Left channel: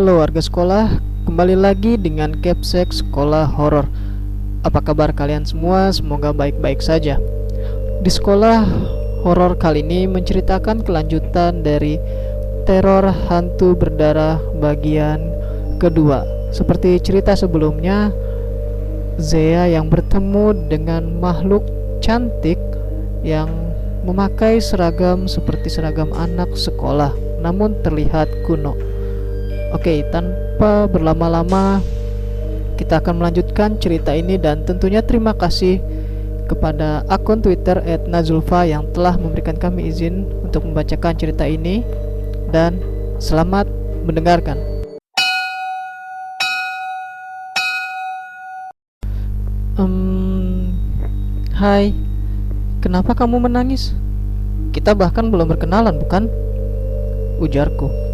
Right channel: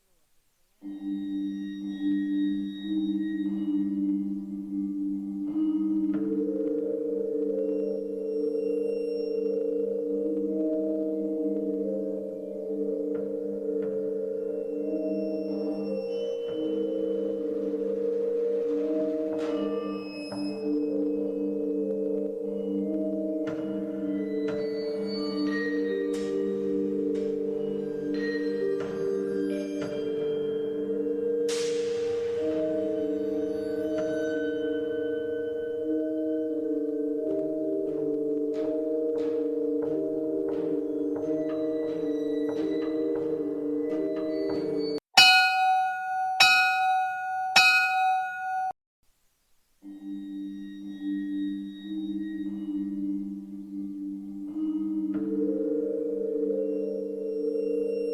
Halo warga sekolah, kembali lagi dengan Capsek Sekolah Horor. Apa kabar kalian semua? Semoga baik-baik saja. Di sekolah horor kali ini menceritakan kelanjutan dari teror hantu berdarah bagian kedua. Seperti cerita sebelumnya, Zea yang bertemu dengan makhluk cantik yang memakai seragam seperti seragam anak sekolah, namun terlihat kuno. Oke, tanpa berlama-lama kita akan melanjutkan cerita ini, dan tentunya terima kasih kepada akun Twitter @nazulfa yang telah memberikan kami izin untuk membacakan cerita ini, dan selamat mendengarkan. Hai, kenapa kamu menangis? Kita bahkan belum berkenalan, bukan? Ujarku.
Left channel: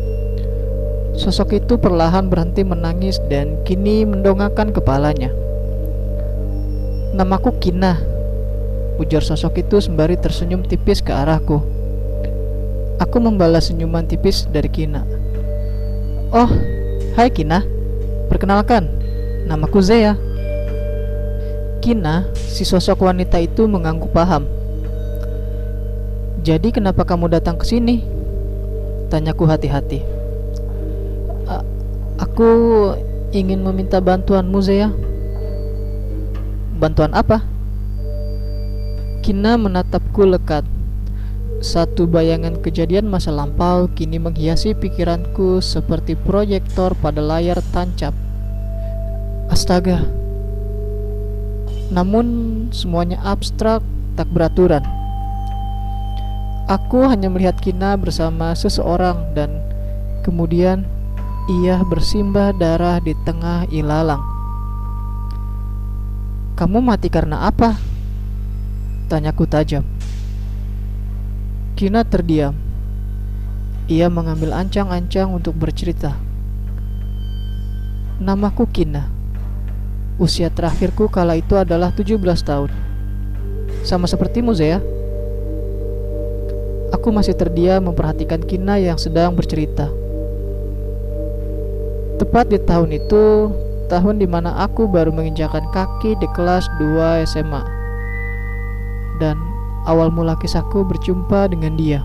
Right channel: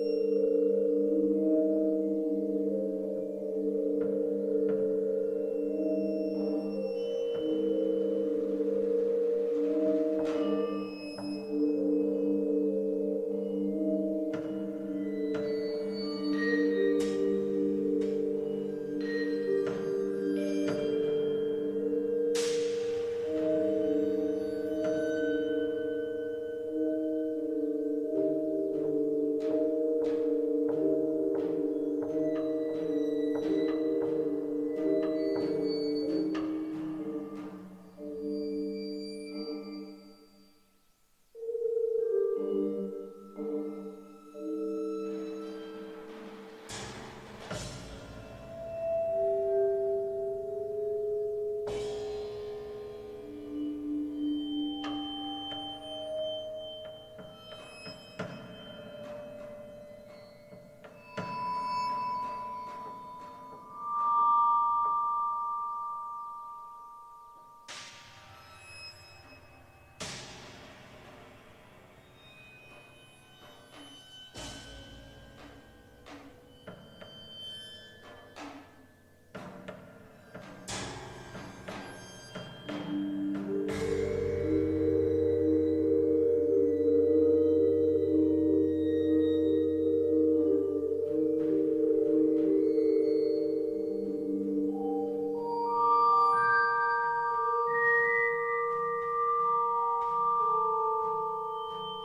Sosok itu perlahan berhenti menangis dan kini mendongakkan kepalanya. Namaku Kina, ujar sosok itu sembari tersenyum tipis ke arahku. Aku membalas senyuman tipis dari Kina. Oh, hai Kina, perkenalkan, namaku Zea. Kina, si sosok wanita itu mengangguk paham. Jadi kenapa kamu datang ke sini? Tanyaku hati-hati. Aku ingin meminta bantuanmu, Zea. Bantuan apa? Kina menatapku lekat. Satu bayangan kejadian masa lampau kini menghiasi pikiranku seperti proyektor pada layar tancap. Astaga. Namun semuanya abstrak, tak beraturan. Aku hanya melihat Kina bersama seseorang dan kemudian ia bersimbah darah di tengah ilalang. Kamu mati karena apa? Tanyaku tajam. Kina terdiam. Ia mengambil ancang-ancang untuk bercerita. Namaku Kina. Usia terakhirku kala itu adalah 17 tahun. Sama sepertimu, Zea. Aku masih terdiam memperhatikan Kina yang sedang bercerita. Tepat di tahun itu, tahun dimana aku baru menginjakan kaki di kelas 2 SMA. Dan awal mula kisahku berjumpa dengan dia.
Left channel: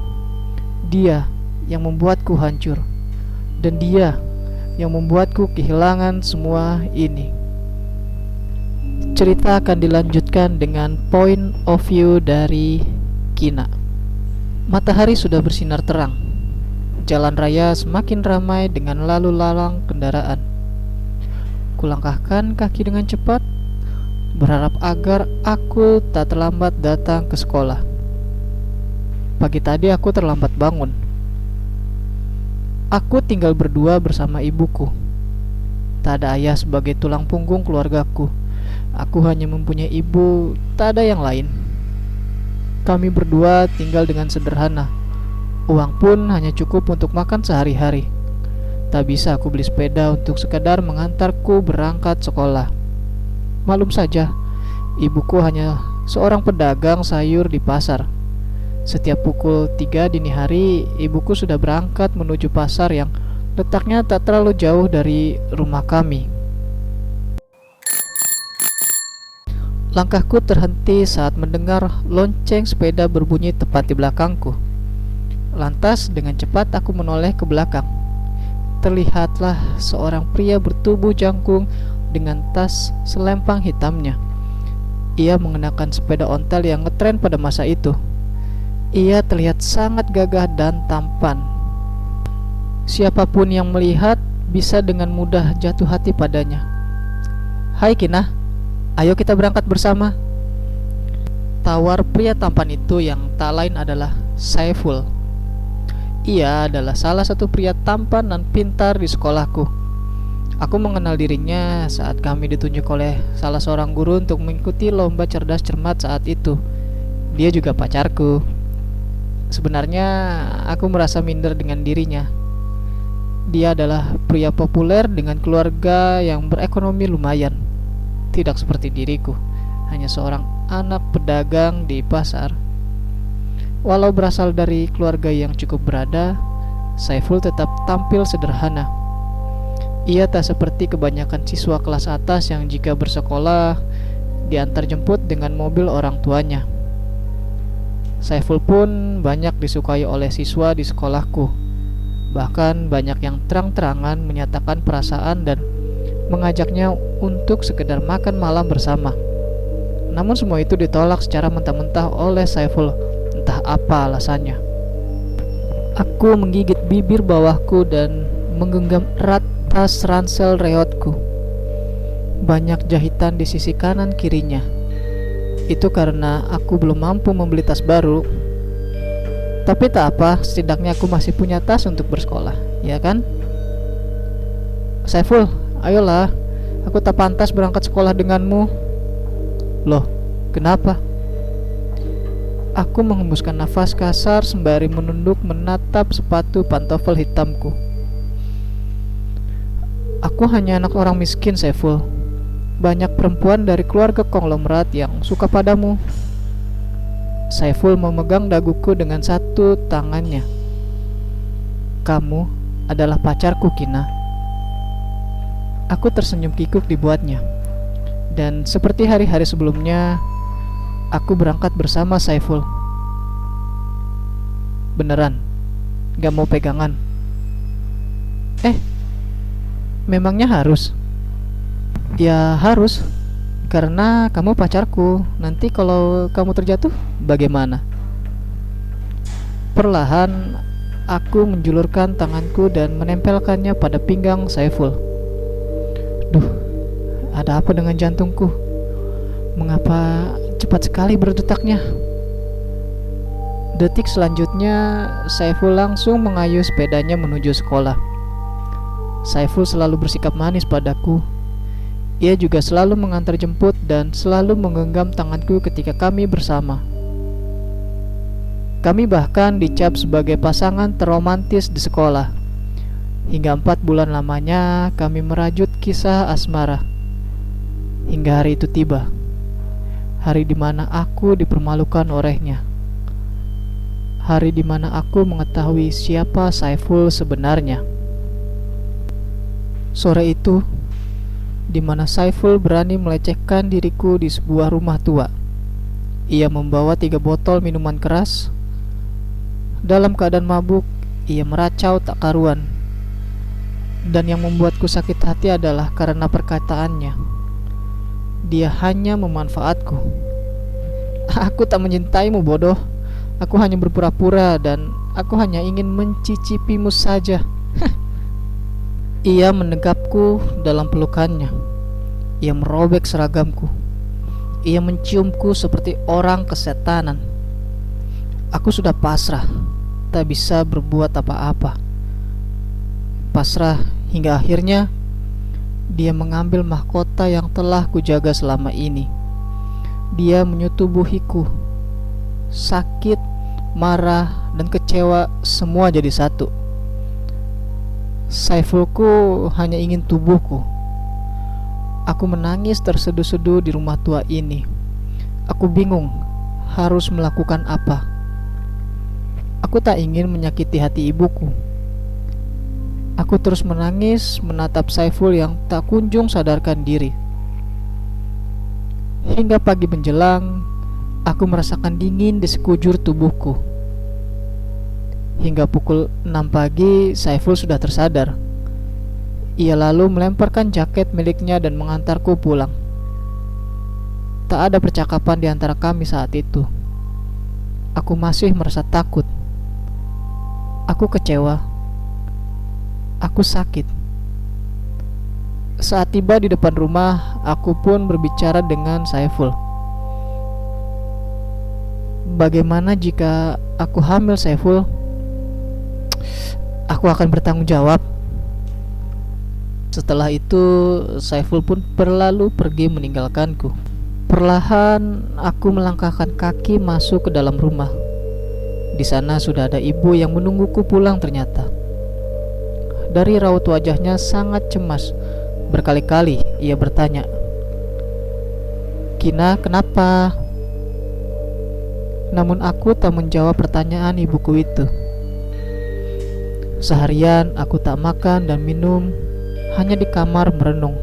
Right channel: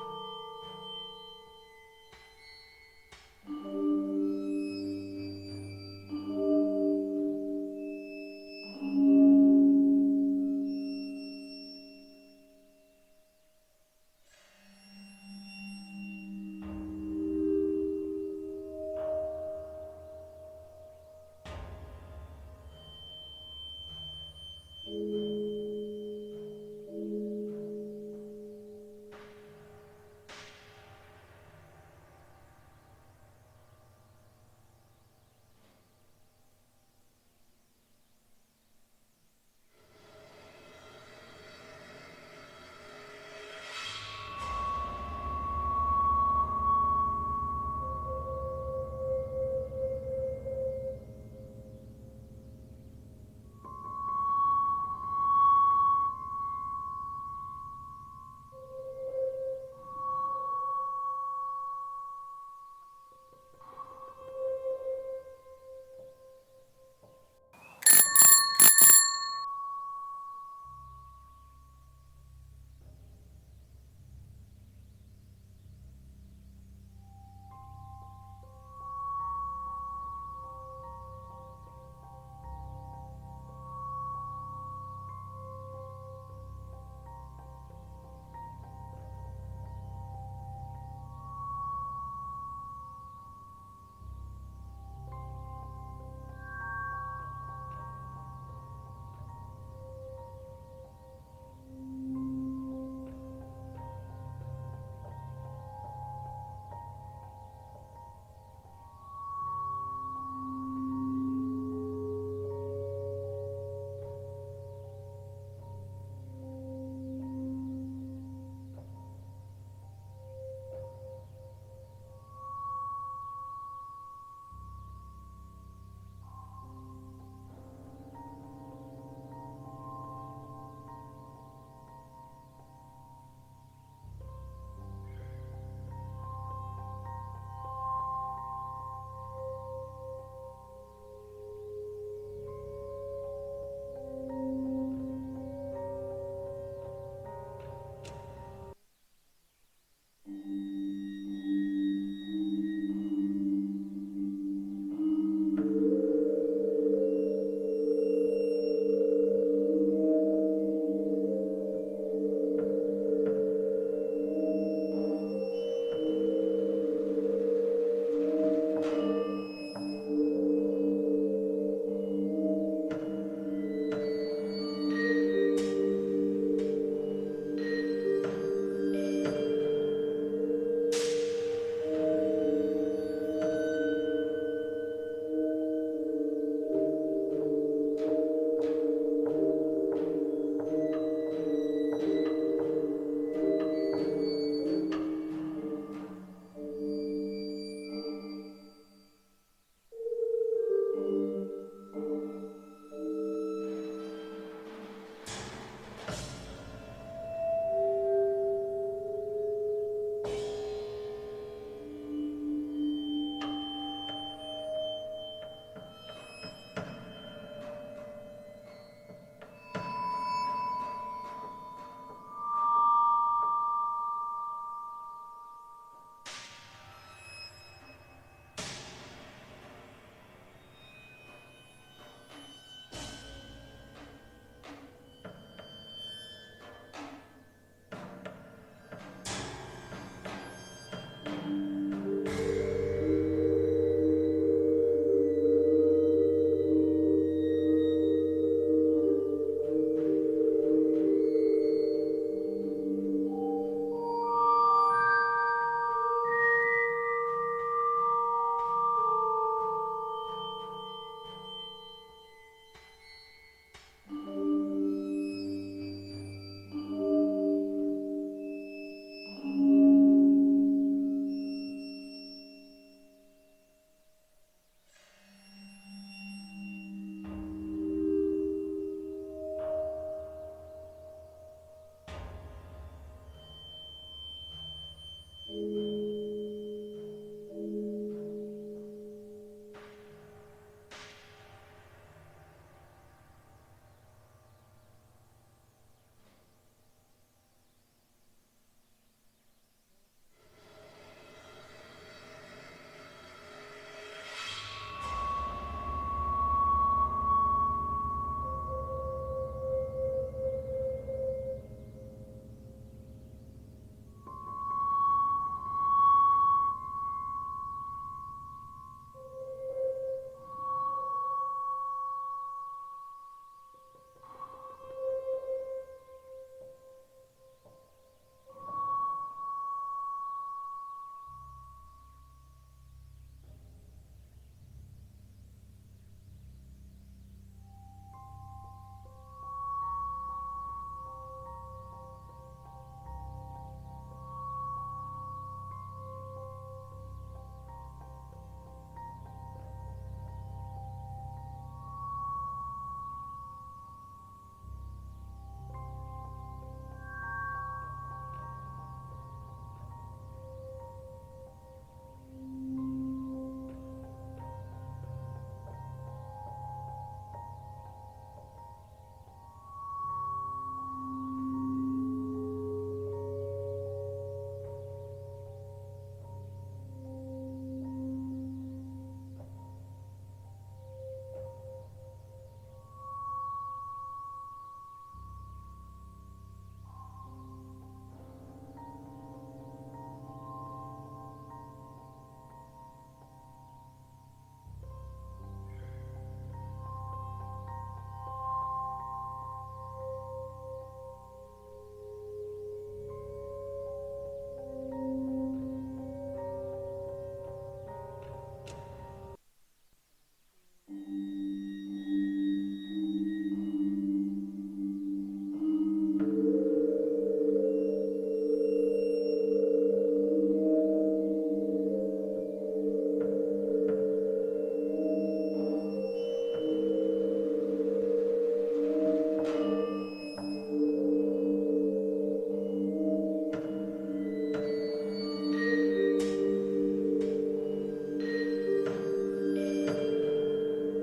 Dia yang membuatku hancur. Dan dia yang membuatku kehilangan semua ini. Cerita akan dilanjutkan dengan point of view dari Kina. Matahari sudah bersinar terang. Jalan raya semakin ramai dengan lalu lalang kendaraan. Kulangkahkan kaki dengan cepat, berharap agar aku tak terlambat datang ke sekolah. Pagi tadi aku terlambat bangun. Aku tinggal berdua bersama ibuku. Tak ada ayah sebagai tulang punggung keluargaku. Aku hanya mempunyai ibu, tak ada yang lain. Kami berdua tinggal dengan sederhana. Uang pun hanya cukup untuk makan sehari-hari. Tak bisa aku beli sepeda untuk sekadar mengantarku berangkat sekolah. Maklum saja, ibuku hanya seorang pedagang sayur di pasar. Setiap pukul 3 dini hari, ibuku sudah berangkat menuju pasar yang letaknya tak terlalu jauh dari rumah kami. Langkahku terhenti saat mendengar lonceng sepeda berbunyi tepat di belakangku. Lantas dengan cepat aku menoleh ke belakang. Terlihatlah seorang pria bertubuh jangkung dengan tas selempang hitamnya. Ia mengenakan sepeda ontel yang ngetren pada masa itu. Ia terlihat sangat gagah dan tampan. Siapapun yang melihat bisa dengan mudah jatuh hati padanya. Hai Kina, ayo kita berangkat bersama. Tawar pria tampan itu yang tak lain adalah Saiful. Ia adalah salah satu pria tampan dan pintar di sekolahku. Aku mengenal dirinya saat kami ditunjuk oleh salah seorang guru untuk mengikuti lomba cerdas cermat saat itu. Dia juga pacarku. Sebenarnya aku merasa minder dengan dirinya. Dia adalah pria populer dengan keluarga yang berekonomi lumayan. Tidak seperti diriku, hanya seorang anak pedagang di pasar. Walau berasal dari keluarga yang cukup berada, Saiful tetap tampil sederhana. Ia tak seperti kebanyakan siswa kelas atas yang jika bersekolah diantar jemput dengan mobil orang tuanya. Saiful pun banyak disukai oleh siswa di sekolahku. Bahkan banyak yang terang-terangan menyatakan perasaan dan mengajaknya untuk sekedar makan malam bersama. Namun semua itu ditolak secara mentah-mentah oleh Saiful, entah apa alasannya. Aku menggigit bibir bawahku dan menggenggam erat tas ransel reotku. Banyak jahitan di sisi kanan kirinya. Itu karena aku belum mampu membeli tas baru. Tapi tak apa, setidaknya aku masih punya tas untuk bersekolah, ya kan? Saiful, ayolah. Aku tak pantas berangkat sekolah denganmu. Loh, kenapa? Aku menghembuskan nafas kasar sembari menunduk menatap sepatu pantofel hitamku. Aku hanya anak orang miskin, Saiful. Banyak perempuan dari keluarga konglomerat yang suka padamu. Saiful memegang daguku dengan satu tangannya. Kamu adalah pacarku, Kina. Aku tersenyum kikuk dibuatnya. Dan seperti hari-hari sebelumnya, aku berangkat bersama Saiful. Beneran, gak mau pegangan. Memangnya harus? Ya harus, karena kamu pacarku. Nanti kalau kamu terjatuh, bagaimana? Perlahan, aku menjulurkan tanganku dan menempelkannya pada pinggang Saiful. Duh, ada apa dengan jantungku? Mengapa cepat sekali berdetaknya? Detik selanjutnya, Saiful langsung mengayuh sepedanya menuju sekolah. Saiful selalu bersikap manis padaku. Ia juga selalu mengantar jemput dan selalu menggenggam tanganku ketika kami bersama. Kami bahkan dicap sebagai pasangan terromantis di sekolah. Hingga 4 bulan lamanya kami merajut kisah asmara. Hingga hari itu tiba. Hari di mana aku dipermalukan olehnya. Hari di mana aku mengetahui siapa Saiful sebenarnya. Sore itu, di mana Saiful berani melecehkan diriku di sebuah rumah tua. Ia membawa 3 botol minuman keras. Dalam keadaan mabuk, ia meracau tak karuan. Dan yang membuatku sakit hati adalah karena perkataannya. Dia hanya memanfaatku. Aku tak mencintaimu, bodoh. Aku hanya berpura-pura dan aku hanya ingin mencicipimu saja. Ia menegapku dalam pelukannya. Ia merobek seragamku. Ia menciumku seperti orang kesetanan. Aku sudah pasrah, tak bisa berbuat apa-apa. Pasrah hingga akhirnya dia mengambil mahkota yang telah kujaga selama ini. Dia menyetubuhiku. Sakit, marah, dan kecewa semua jadi satu. Saifulku hanya ingin tubuhku. Aku menangis terseduh-seduh di rumah tua ini. Aku bingung harus melakukan apa. Aku tak ingin menyakiti hati ibuku. Aku terus menangis menatap Saiful yang tak kunjung sadarkan diri. Hingga pagi menjelang, aku merasakan dingin di sekujur tubuhku. Hingga pukul 6 pagi, Saiful sudah tersadar. Ia lalu melemparkan jaket miliknya dan mengantarku pulang. Tak ada percakapan di antara kami saat itu. Aku masih merasa takut. Aku kecewa. Aku sakit. Saat tiba di depan rumah, aku pun berbicara dengan Saiful. Bagaimana jika aku hamil, Saiful? Aku akan bertanggung jawab. Setelah itu, Saiful pun berlalu pergi meninggalkanku. Perlahan, aku melangkahkan kaki masuk ke dalam rumah. Di sana sudah ada ibu yang menungguku pulang ternyata. Dari raut wajahnya sangat cemas. Berkali-kali ia bertanya, "Kina, kenapa?" Namun aku tak menjawab pertanyaan ibuku itu. Seharian aku tak makan dan minum hanya di kamar merenung.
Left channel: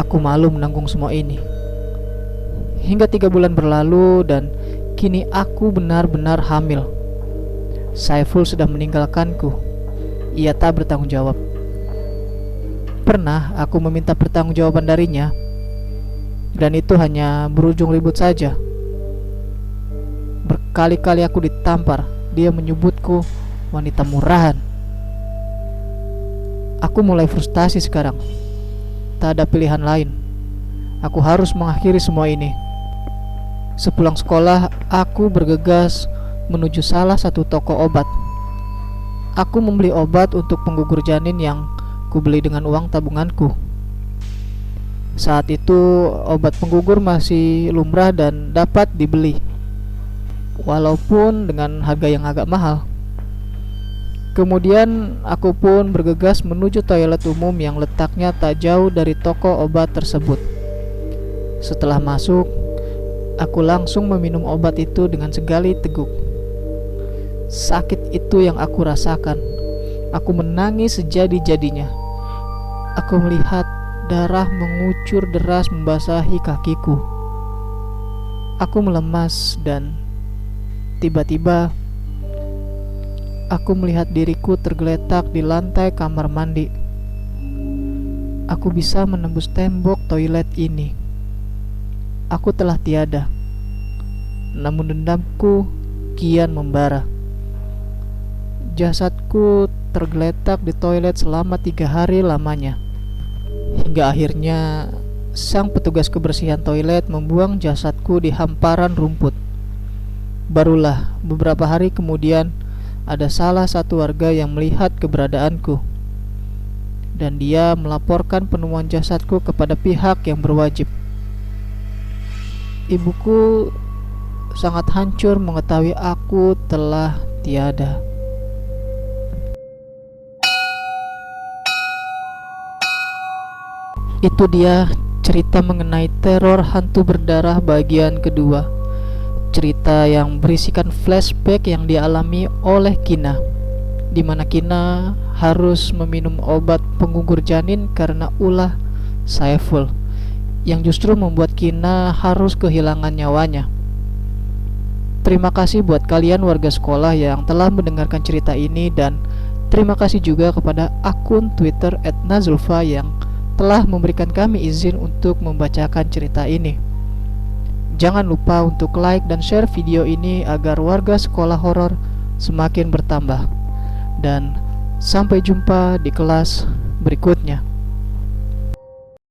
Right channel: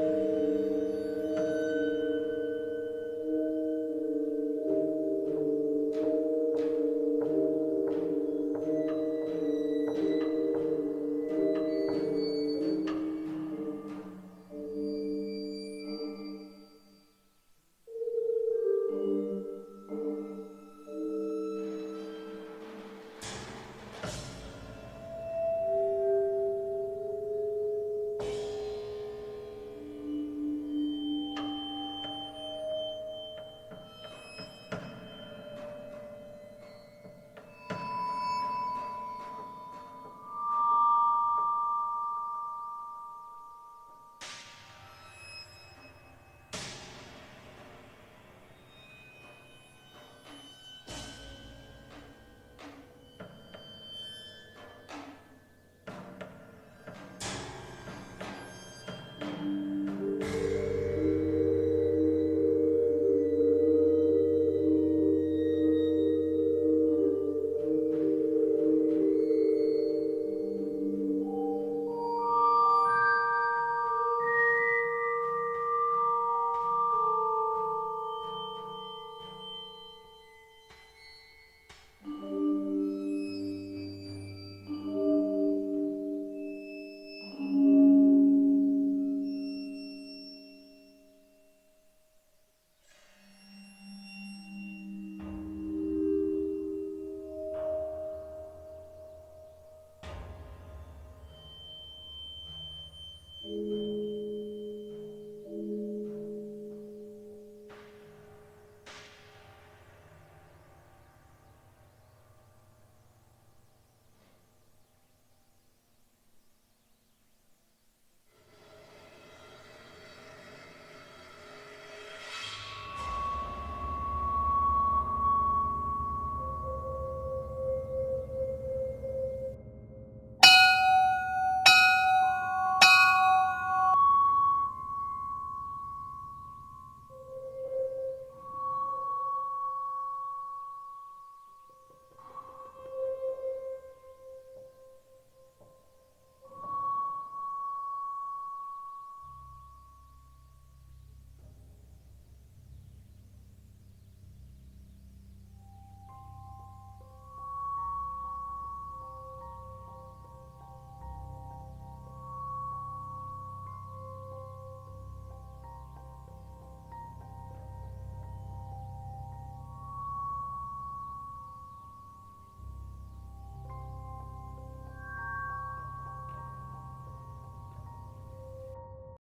Aku malu menanggung semua ini. Hingga 3 bulan berlalu dan kini aku benar-benar hamil. Saiful sudah meninggalkanku. Ia tak bertanggung jawab. Pernah aku meminta pertanggungjawaban darinya, dan itu hanya berujung ribut saja. Berkali-kali aku ditampar. Dia menyebutku wanita murahan. Aku mulai frustasi sekarang. Tak ada pilihan lain. Aku harus mengakhiri semua ini. Sepulang sekolah, aku bergegas menuju salah satu toko obat. Aku membeli obat untuk penggugur janin yang kubeli dengan uang tabunganku. Saat itu obat penggugur masih lumrah dan dapat dibeli, walaupun dengan harga yang agak mahal. Kemudian aku pun bergegas menuju toilet umum yang letaknya tak jauh dari toko obat tersebut. Setelah masuk, aku langsung meminum obat itu dengan segali teguk. Sakit itu yang aku rasakan. Aku menangis sejadi-jadinya. Aku melihat darah mengucur deras membasahi kakiku. Aku melemas dan tiba-tiba aku melihat diriku tergeletak di lantai kamar mandi. Aku bisa menembus tembok toilet ini. Aku telah tiada. Namun dendamku kian membara. Jasadku tergeletak di toilet selama 3 hari lamanya. Hingga akhirnya sang petugas kebersihan toilet membuang jasadku di hamparan rumput. Barulah beberapa hari kemudian ada salah satu warga yang melihat keberadaanku, dan dia melaporkan penemuan jasadku kepada pihak yang berwajib. Ibuku sangat hancur mengetahui aku telah tiada. Itu dia cerita mengenai teror hantu berdarah bagian kedua. Cerita yang berisikan flashback yang dialami oleh Kina, di mana Kina harus meminum obat penggugur janin karena ulah Saiful, yang justru membuat Kina harus kehilangan nyawanya. Terima kasih buat kalian warga sekolah yang telah mendengarkan cerita ini, dan terima kasih juga kepada akun Twitter @nazulfa yang telah memberikan kami izin untuk membacakan cerita ini. Jangan lupa untuk like dan share video ini agar warga sekolah horor semakin bertambah. Dan sampai jumpa di kelas berikutnya.